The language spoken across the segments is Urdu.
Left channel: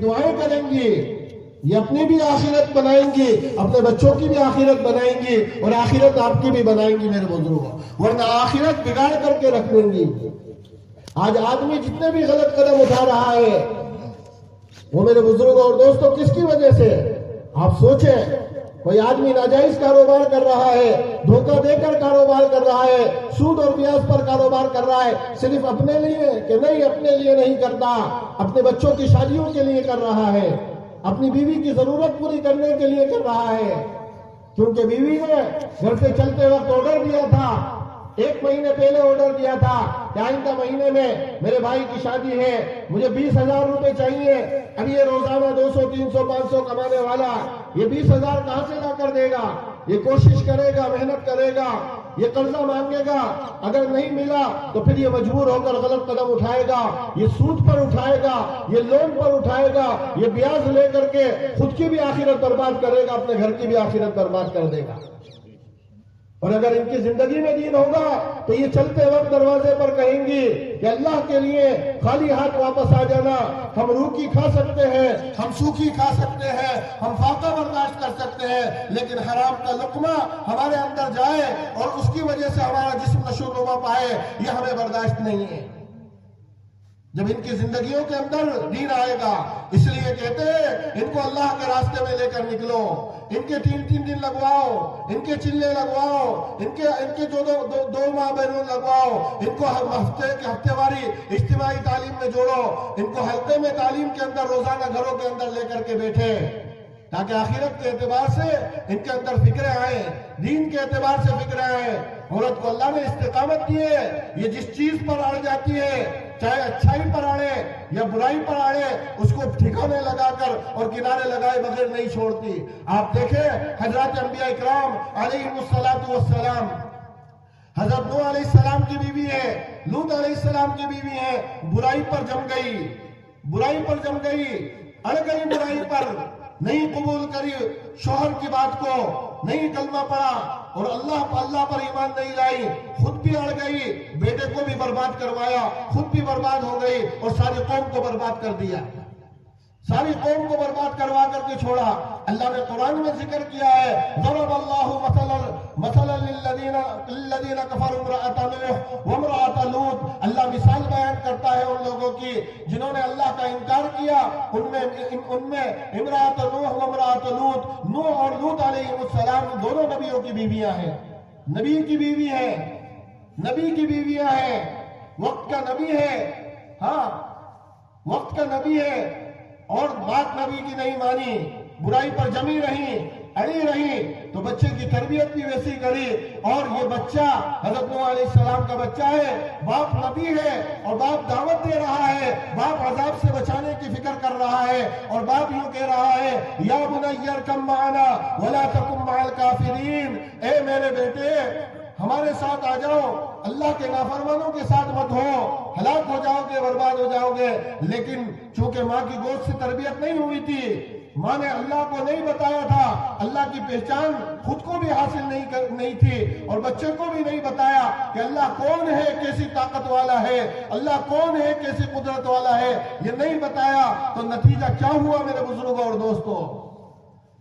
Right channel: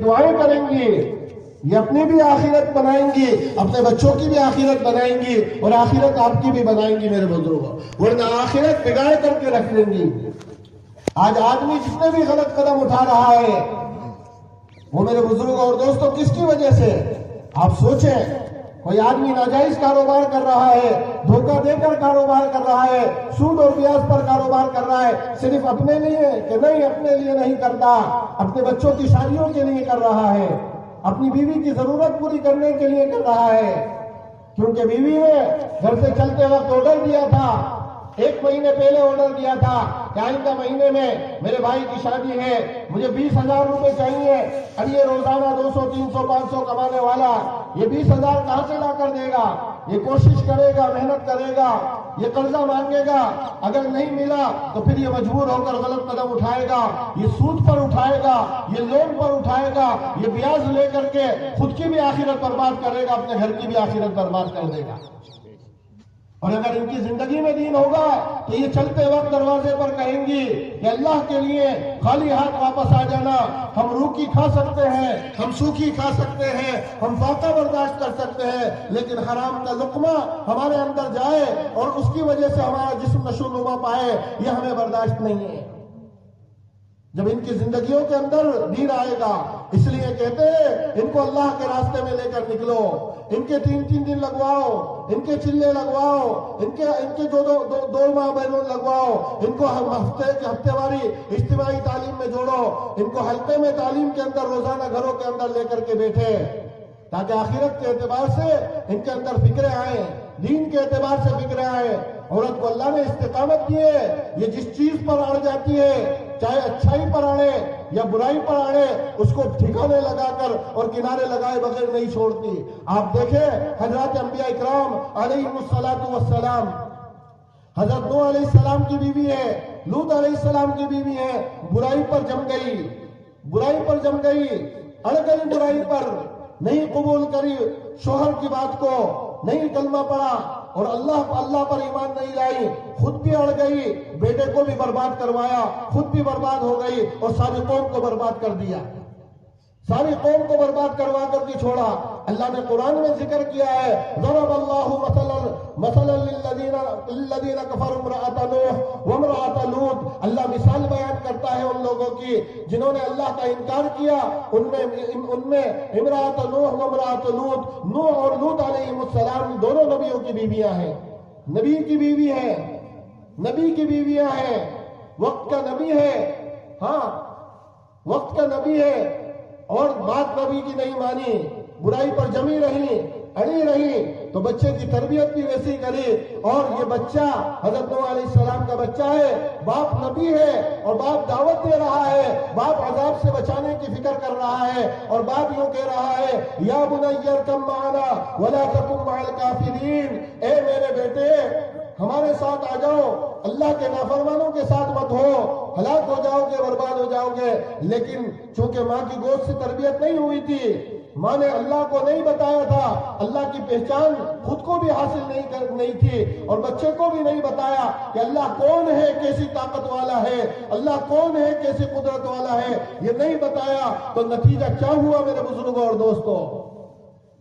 دعائیں کریں گی، یہ اپنی بھی آخرت بنائیں گی، اپنے بچوں کی بھی آخرت بنائیں گی، اور آخرت آپ کی بھی بنائیں گی میرے بزرگوں، ورنہ آخرت بگاڑ کر کے رکھ دیں گی۔ آج آدمی جتنے بھی غلط قدم اٹھا رہا ہے وہ میرے بزرگوں اور دوستوں کس کی وجہ سے؟ آپ سوچیں، کوئی آدمی ناجائز کاروبار کر رہا ہے، دھوکہ دے کر کاروبار کر رہا ہے، سود اور بیاج پر کاروبار کر رہا ہے، صرف اپنے لیے کہ نہیں، اپنے لیے نہیں کرتا، اپنے بچوں کی شادیوں کے لیے کر رہا ہے، اپنی بیوی کی ضرورت پوری کرنے کے لیے کر رہا ہے، کیونکہ بیوی نے گھر سے چلتے وقت آرڈر دیا تھا، 1 مہینے پہلے آرڈر دیا تھا کہ آئندہ مہینے میں میرے بھائی کی شادی ہے، مجھے 20,000 روپے چاہیے۔ اب یہ روزانہ 200 300 500 کمانے والا یہ 20,000 کہاں سے لا کر دے گا؟ یہ کوشش کرے گا، محنت کرے گا، یہ قرضہ مانگے گا، اگر نہیں ملا تو پھر یہ مجبور ہو کر غلط قدم اٹھائے گا، یہ سود پر اٹھائے گا، یہ لون پر اٹھائے گا، یہ بیاج لے کر کے خود کی بھی آخرت برباد کرے گا، اپنے گھر کی بھی آخرت برباد کر دے گا۔ اور اگر ان کی زندگی میں دین ہوگا تو یہ چلتے وقت دروازے پر کہیں گی کہ اللہ کے لیے خالی ہاتھ واپس آ جانا، ہم روکی کھا سکتے ہیں، ہم سوکھی کھا سکتے ہیں، ہم فاقہ برداشت کر سکتے ہیں، لیکن حرام کا لقمہ ہمارے اندر جائے اور اس کی وجہ سے ہمارا جسم نشو و نما پائے، یہ ہمیں برداشت نہیں ہے۔ جب ان کی زندگیوں کے اندر دین آئے گا، اس لیے کہتے ہیں ان کو اللہ کے راستے میں لے کر نکلو، ان کے 3 دن لگواؤ، ان کے چلے لگواؤ، ان کے دو ماہ بیرون لگواؤ، ان کو ہفتے واری اجتماعی تعلیم میں جوڑو، ان کو حلقے میں تعلیم کے اندر روزانہ گھروں کے اندر لے کر کے بیٹھے، تاکہ آخرت کے اعتبار سے ان کے اندر فکریں آئیں، دین کے اعتبار سے فکریں آئیں۔ عورت کو اللہ نے استقامت دی ہے، یہ جس چیز پر اڑ جاتی ہے، چاہے اچھائی پر اڑے یا برائی پر اڑے، اس کو ٹھکانے لگا کر اور کنارے لگائے بغیر نہیں چھوڑتی۔ آپ دیکھیں حضرات انبیاء اکرام علیہم السلام، حضرت نوح علیہ السلام کی بیوی ہے، لوط علیہ السلام کی بیوی ہے، برائی پر جم گئی، اڑ گئی برائی پر، نہیں قبول کری شوہر کی بات کو، نہیں کلمہ پڑھا اور اللہ پر ایمان نہیں لائی، خود بھی اڑ گئی، بیٹے کو بھی برباد کروایا، خود بھی برباد ہو گئی اور ساری قوم کو برباد کر دیا، ساری قوم کو برباد کروا کر کے چھوڑا۔ اللہ نے قرآن میں ذکر کیا ہے، ضرب اللہ مثلا للذین کفروا امرأۃ نوح وامرأۃ لوط، اللہ مثال بیان کرتا ہے ان لوگوں کی جنہوں نے اللہ کا انکار کیا، ان میں امرأۃ نوح وامرأۃ لوط، نوح اور لوط علیہ السلام دونوں نبیوں کی بیویاں ہیں، نبی کی بیویاں ہیں، وقت کا نبی ہے، ہاں وقت کا نبی ہے، اور بات نبی کی نہیں مانی، برائی پر جمی رہی، اڑی رہی، تو بچے کی تربیت بھی ویسی کری، اور یہ بچہ حضرت نوح علیہ السلام کا بچہ ہے، باپ نبی ہے اور باپ دعوت دے رہا ہے، باپ عذاب سے بچانے کی فکر کر رہا ہے، اور باپ یوں کہہ رہا ہے یا بنی ارکب معنا ولا تکن مع الکافرین، اے میرے بیٹے ہمارے ساتھ آ جاؤ، اللہ کے نافرمانوں کے ساتھ مت ہو، ہلاک ہو جاؤ گے، برباد ہو جاؤ گے۔ لیکن چونکہ ماں کی گود سے تربیت نہیں ہوئی تھی، ماں نے اللہ کو نہیں بتایا تھا، اللہ کی پہچان خود کو بھی حاصل نہیں تھی، اور بچے کو بھی نہیں بتایا کہ اللہ کون ہے، کیسی طاقت والا ہے، اللہ کون ہے، کیسی قدرت والا ہے، یہ نہیں بتایا، تو نتیجہ کیا ہوا میرے بزرگوں اور دوستوں،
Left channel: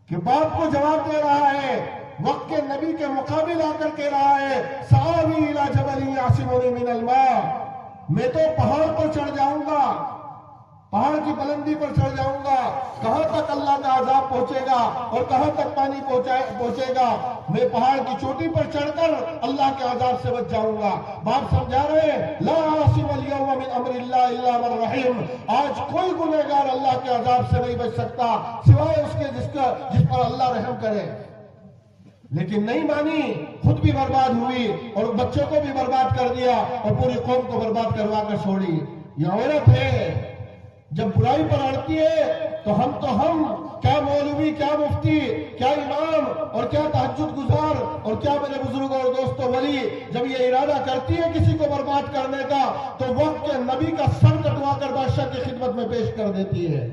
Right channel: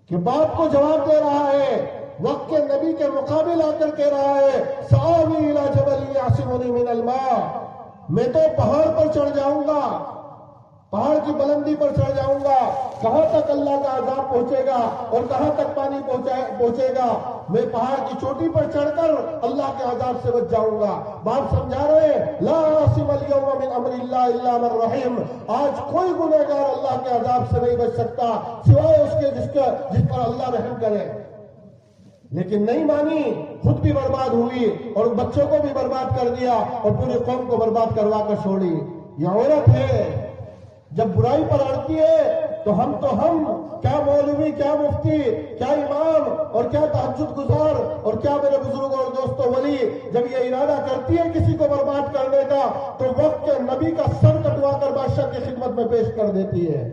کہ باپ کو جواب دے رہا ہے، وقت کے نبی کے مقابل آ کر کہہ رہا ہے سآوی الی جبل یعصمنی من الماء، میں تو پہاڑ پر چڑھ جاؤں گا، پہاڑ کی بلندی پر چڑھ جاؤں گا، کہاں تک اللہ کا عذاب پہنچے گا اور کہاں تک پانی پہنچے گا، میں پہاڑ کی چوٹی پر چڑھ کر اللہ کے عذاب سے بچ جاؤں گا۔ باپ سمجھا رہے لا عاصم اليوم من امر اللہ الا من رحم، آج کوئی گنہگار اللہ کے عذاب سے نہیں بچ سکتا سوائے اس کے جس پر اللہ رحم کرے، لیکن نہیں مانی، خود بھی برباد ہوئی اور بچوں کو بھی برباد کر دیا اور پوری قوم کو برباد کروا کر چھوڑی۔ یہ عورت ہے جب برائی پر اڑتی ہے تو ہم کیا مولوی، کیا مفتی، کیا امام اور کیا تہجد گزار اور کیا میرے بزرگوں اور دوستوں ولی، جب یہ ارادہ کرتی ہے کسی کو برباد کرنے کا تو وقت کے نبی کا سر کٹوا کر بادشاہ کی خدمت میں پیش کر دیتی ہے۔